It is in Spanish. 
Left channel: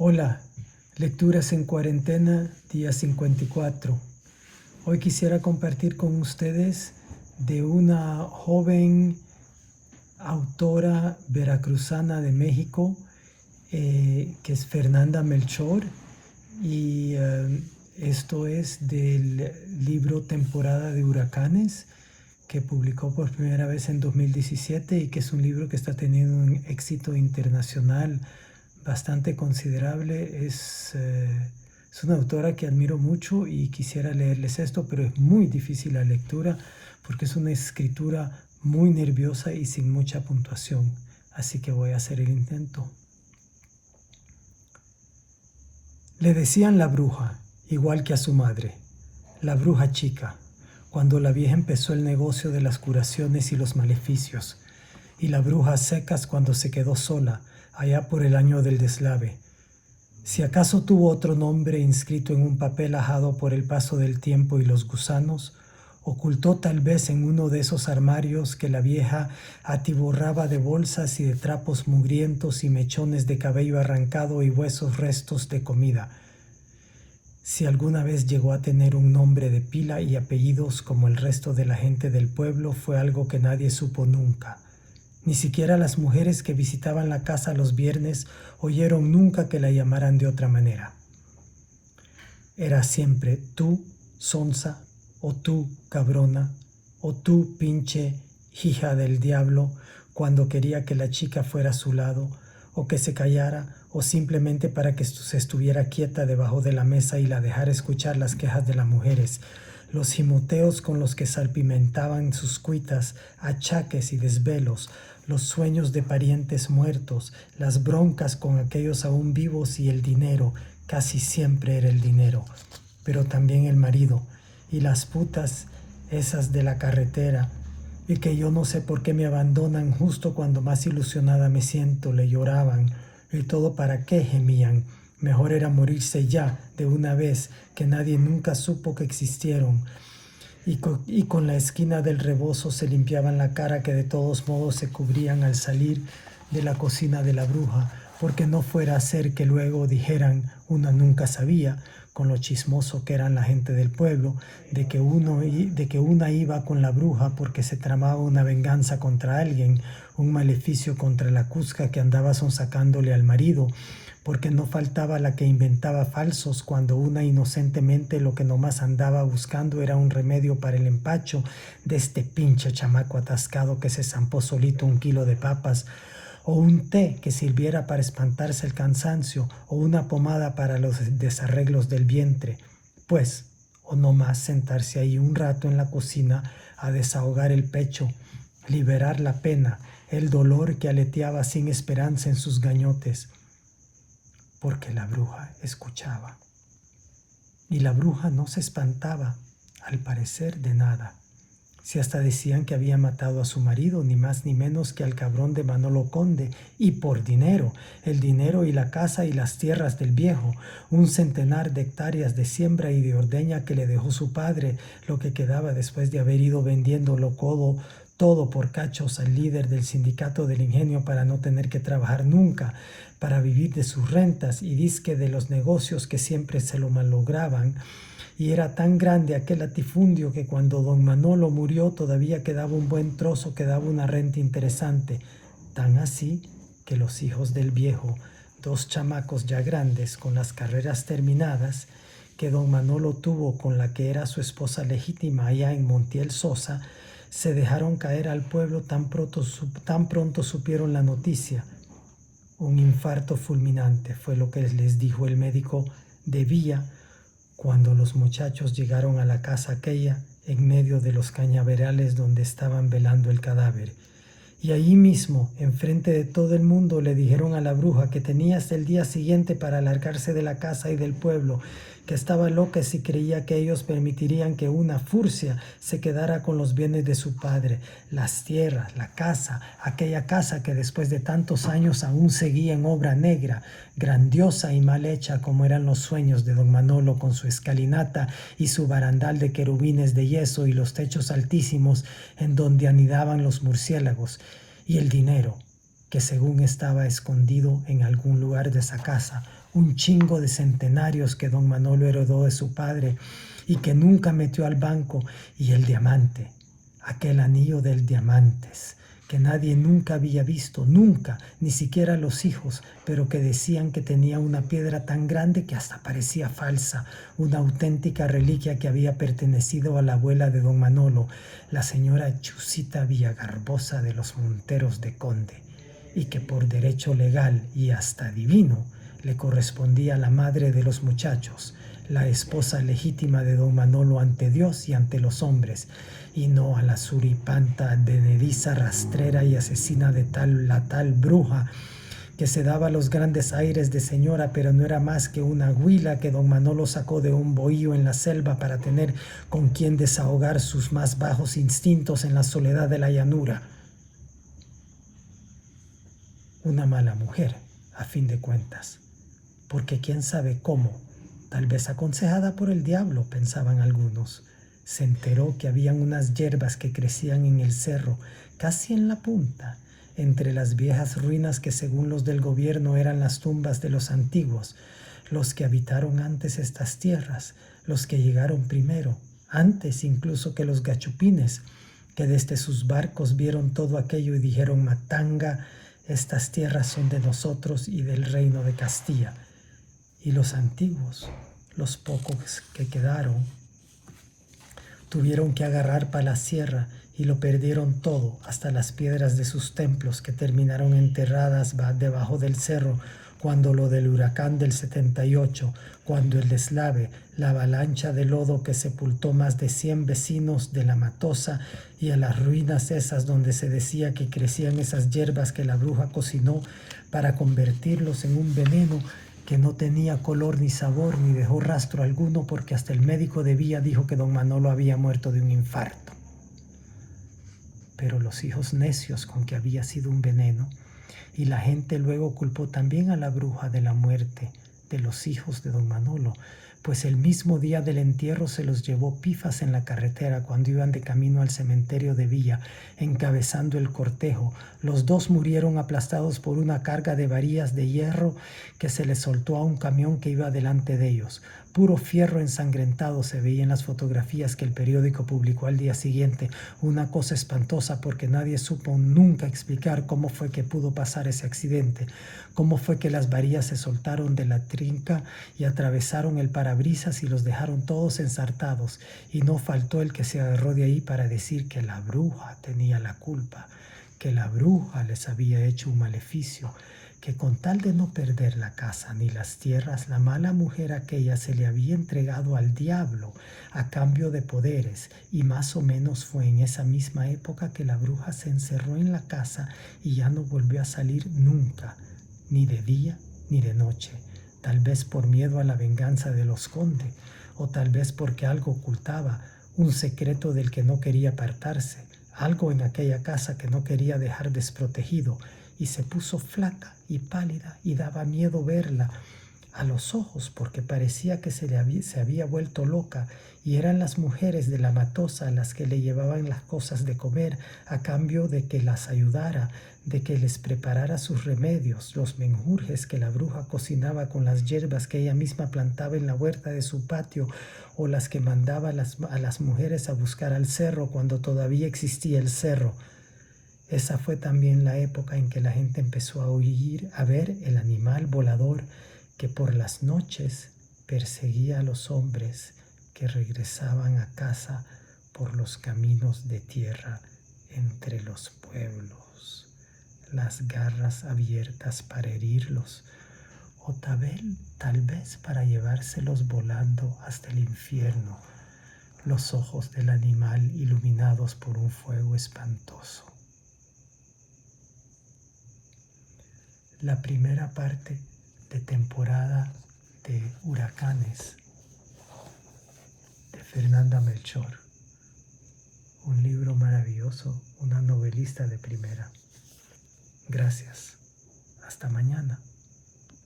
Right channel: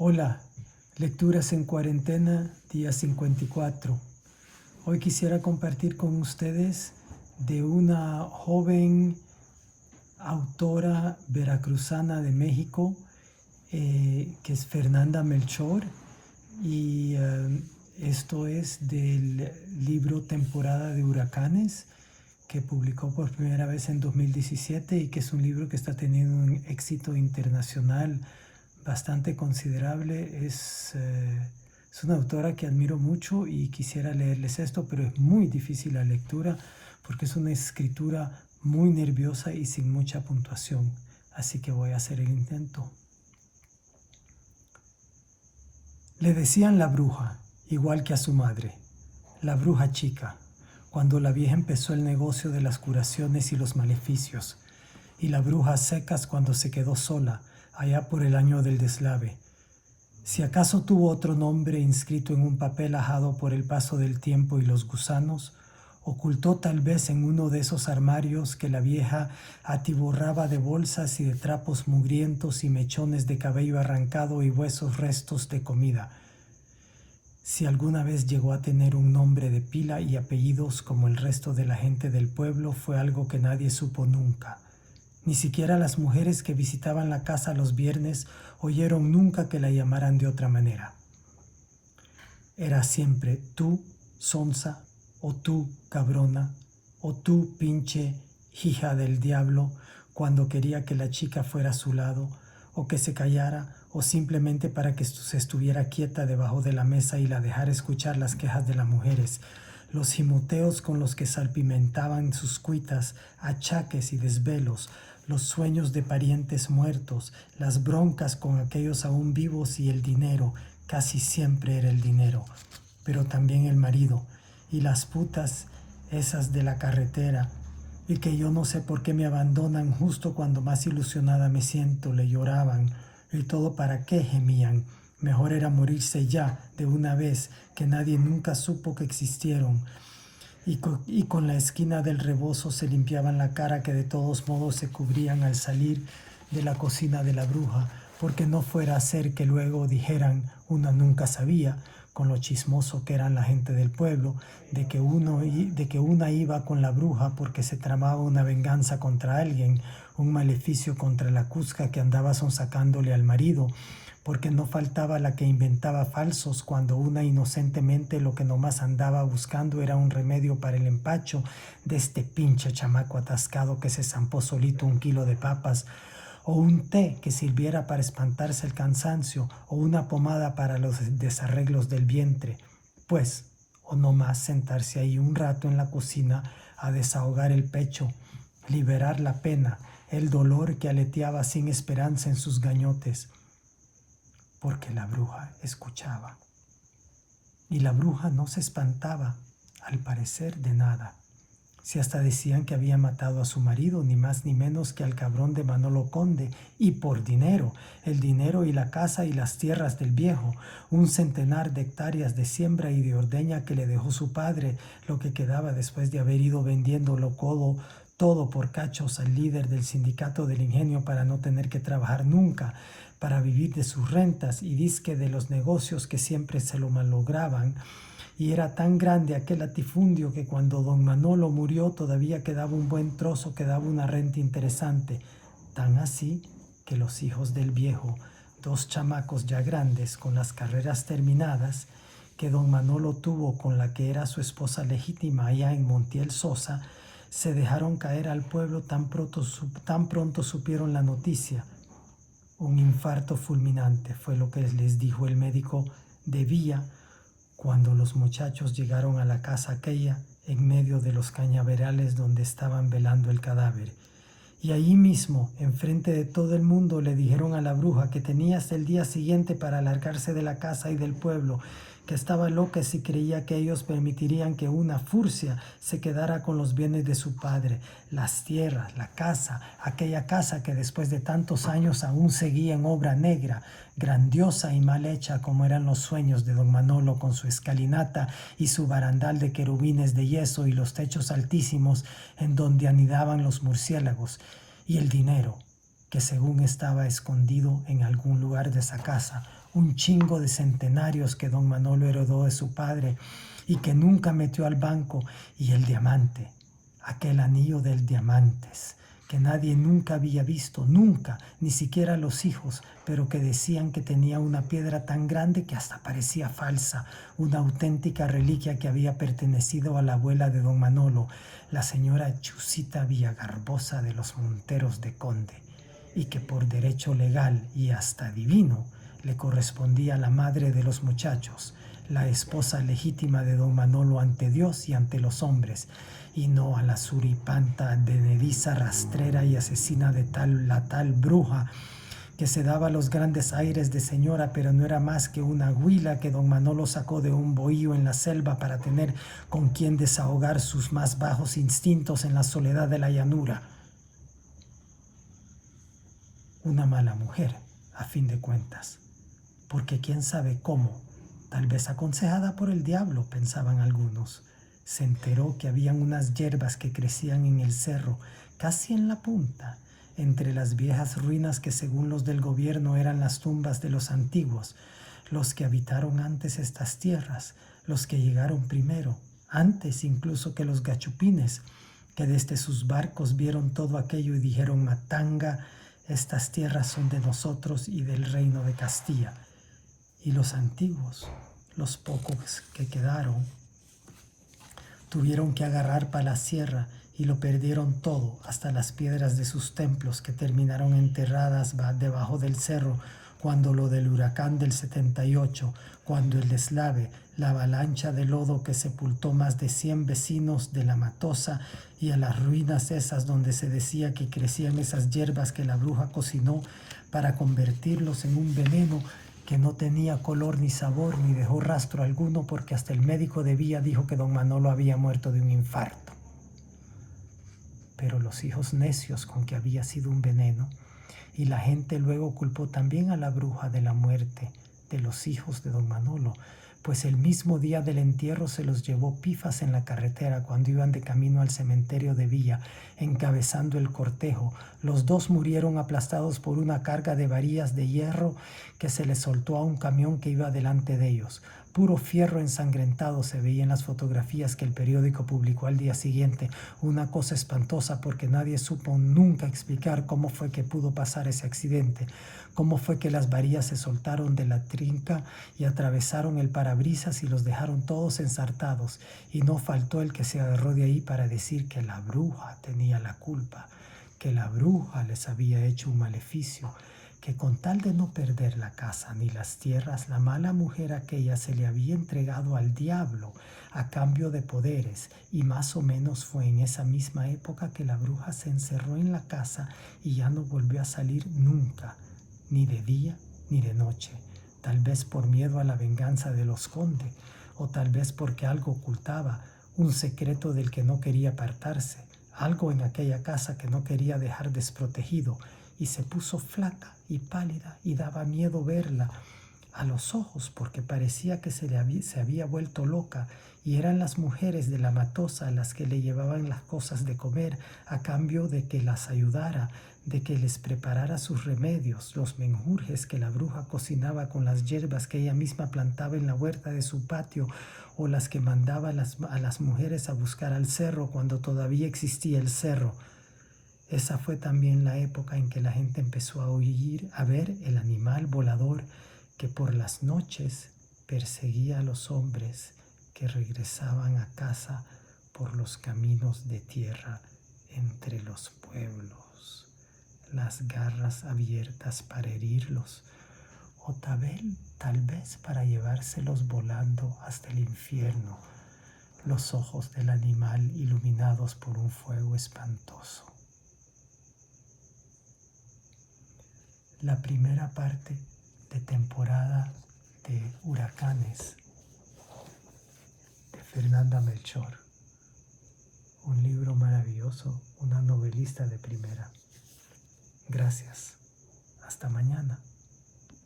Hola, lecturas en cuarentena, día 54. Hoy quisiera compartir con ustedes de una joven autora veracruzana de México, que es Fernanda Melchor, y esto es del libro Temporada de Huracanes, que publicó por primera vez en 2017 y que es un libro que está teniendo un éxito internacional bastante considerable. Es una autora que admiro mucho y quisiera leerles esto, pero es muy difícil la lectura porque es una escritura muy nerviosa y sin mucha puntuación. Así que voy a hacer el intento. Le decían la bruja, igual que a su madre, la bruja chica, cuando la vieja empezó el negocio de las curaciones y los maleficios, y la bruja secas cuando se quedó sola, allá por el año del deslave. Si acaso tuvo otro nombre inscrito en un papel ajado por el paso del tiempo y los gusanos, ocultó tal vez en uno de esos armarios que la vieja atiborraba de bolsas y de trapos mugrientos y mechones de cabello arrancado y huesos restos de comida. Si alguna vez llegó a tener un nombre de pila y apellidos como el resto de la gente del pueblo, fue algo que nadie supo nunca. Ni siquiera las mujeres que visitaban la casa los viernes oyeron nunca que la llamaran de otra manera. Era siempre tú, sonsa, o tú, cabrona, o tú, pinche hija del diablo, cuando quería que la chica fuera a su lado, o que se callara, o simplemente para que se estuviera quieta debajo de la mesa y la dejara escuchar las quejas de las mujeres, los gimoteos con los que salpimentaban sus cuitas, achaques y desvelos, los sueños de parientes muertos, las broncas con aquellos aún vivos y el dinero. Casi siempre era el dinero, pero también el marido y las putas esas de la carretera, y que yo no sé por qué me abandonan justo cuando más ilusionada me siento, le lloraban. ¿Y todo para qué?, gemían. Mejor era morirse ya, de una vez, que nadie nunca supo que existieron. Y con la esquina del rebozo se limpiaban la cara, que de todos modos se cubrían al salir de la cocina de la bruja, porque no fuera a ser que luego dijeran, una nunca sabía, con lo chismoso que eran la gente del pueblo, de que una iba con la bruja porque se tramaba una venganza contra alguien, un maleficio contra la cusca que andaba sonsacándole al marido, porque no faltaba la que inventaba falsos cuando una inocentemente lo que nomás andaba buscando era un remedio para el empacho de este pinche chamaco atascado que se zampó solito 1 kilo de papas, o un té que sirviera para espantarse el cansancio, o una pomada para los desarreglos del vientre, pues, o nomás sentarse ahí un rato en la cocina a desahogar el pecho, liberar la pena, el dolor que aleteaba sin esperanza en sus gañotes, porque la bruja escuchaba. Y la bruja no se espantaba, al parecer, de nada. Si hasta decían que había matado a su marido, ni más ni menos que al cabrón de Manolo Conde, y por dinero, el dinero y la casa y las tierras del viejo, 1 centenar de hectáreas de siembra y de ordeña que le dejó su padre, lo que quedaba después de haber ido vendiéndolo todo por cachos al líder del sindicato del ingenio para no tener que trabajar nunca, para vivir de sus rentas y disque de los negocios que siempre se lo malograban. Y era tan grande aquel latifundio que cuando don Manolo murió todavía quedaba un buen trozo, quedaba una renta interesante. Tan así que los hijos del viejo, 2 chamacos ya grandes con las carreras terminadas, que don Manolo tuvo con la que era su esposa legítima allá en Montiel Sosa, se dejaron caer al pueblo tan pronto supieron la noticia. Un infarto fulminante fue lo que les dijo el médico de Villa cuando los muchachos llegaron a la casa aquella en medio de los cañaverales donde estaban velando el cadáver. Y ahí mismo, enfrente de todo el mundo, le dijeron a la bruja que tenía hasta el día siguiente para largarse de la casa y del pueblo, que estaba loca si creía que ellos permitirían que una furcia se quedara con los bienes de su padre, las tierras, la casa, aquella casa que después de tantos años aún seguía en obra negra, grandiosa y mal hecha como eran los sueños de don Manolo, con su escalinata y su barandal de querubines de yeso y los techos altísimos en donde anidaban los murciélagos, y el dinero. que según estaba escondido en algún lugar de esa casa, un chingo de centenarios que don Manolo heredó de su padre y que nunca metió al banco, y el diamante, aquel anillo del diamantes, que nadie nunca había visto, nunca, ni siquiera los hijos, pero que decían que tenía una piedra tan grande que hasta parecía falsa, una auténtica reliquia que había pertenecido a la abuela de don Manolo, la señora Chusita Villagarbosa de los Monteros de Conde, y que por derecho legal y hasta divino le correspondía a la madre de los muchachos, la esposa legítima de don Manolo ante Dios y ante los hombres, y no a la suripanta, advenediza, rastrera y asesina de la tal bruja, que se daba los grandes aires de señora, pero no era más que una huila que don Manolo sacó de un bohío en la selva para tener con quien desahogar sus más bajos instintos en la soledad de la llanura. Una mala mujer, a fin de cuentas, porque quién sabe cómo, tal vez aconsejada por el diablo, pensaban algunos, se enteró que habían unas hierbas que crecían en el cerro, casi en la punta, entre las viejas ruinas que según los del gobierno eran las tumbas de los antiguos, los que habitaron antes estas tierras, los que llegaron primero, antes incluso que los gachupines, que desde sus barcos vieron todo aquello y dijeron: Matanga, estas tierras son de nosotros y del reino de Castilla. Y los antiguos, los pocos que quedaron, tuvieron que agarrar para la sierra y lo perdieron todo, hasta las piedras de sus templos, que terminaron enterradas debajo del cerro cuando lo del huracán del 78, cuando el deslave, la avalancha de lodo que sepultó más de 100 vecinos de La Matosa, y a las ruinas esas donde se decía que crecían esas hierbas que la bruja cocinó para convertirlos en un veneno que no tenía color ni sabor ni dejó rastro alguno, porque hasta el médico de Villa dijo que don Manolo había muerto de un infarto. Pero los hijos necios con que había sido un veneno, y la gente luego culpó también a la bruja de la muerte de los hijos de don Manolo, pues el mismo día del entierro se los llevó pifas en la carretera cuando iban de camino al cementerio de Villa, encabezando el cortejo. Los dos murieron aplastados por una carga de varillas de hierro que se les soltó a un camión que iba delante de ellos. Puro fierro ensangrentado se veía en las fotografías que el periódico publicó al día siguiente, una cosa espantosa porque nadie supo nunca explicar cómo fue que pudo pasar ese accidente, cómo fue que las varillas se soltaron de la trinca y atravesaron el parabrisas y los dejaron todos ensartados, y no faltó el que se agarró de ahí para decir que la bruja tenía la culpa, que la bruja les había hecho un maleficio, que con tal de no perder la casa ni las tierras, la mala mujer aquella se le había entregado al diablo a cambio de poderes, y más o menos fue en esa misma época que la bruja se encerró en la casa y ya no volvió a salir nunca, ni de día ni de noche, tal vez por miedo a la venganza de los Conde, o tal vez porque algo ocultaba, un secreto del que no quería apartarse, algo en aquella casa que no quería dejar desprotegido, y se puso flaca y pálida y daba miedo verla a los ojos porque parecía que se había vuelto loca, y eran las mujeres de La Matosa las que le llevaban las cosas de comer a cambio de que las ayudara, de que les preparara sus remedios, los menjurjes que la bruja cocinaba con las hierbas que ella misma plantaba en la huerta de su patio, o las que mandaba a las mujeres a buscar al cerro cuando todavía existía el cerro. Esa fue también la época en que la gente empezó a oír, a ver el animal volador que por las noches perseguía a los hombres que regresaban a casa por los caminos de tierra entre los pueblos, las garras abiertas para herirlos, o tal vez para llevárselos volando hasta el infierno, los ojos del animal iluminados por un fuego espantoso. La primera parte de temporada de huracanes de Fernanda Melchor, un libro maravilloso, una novelista de primera. Gracias. Hasta mañana.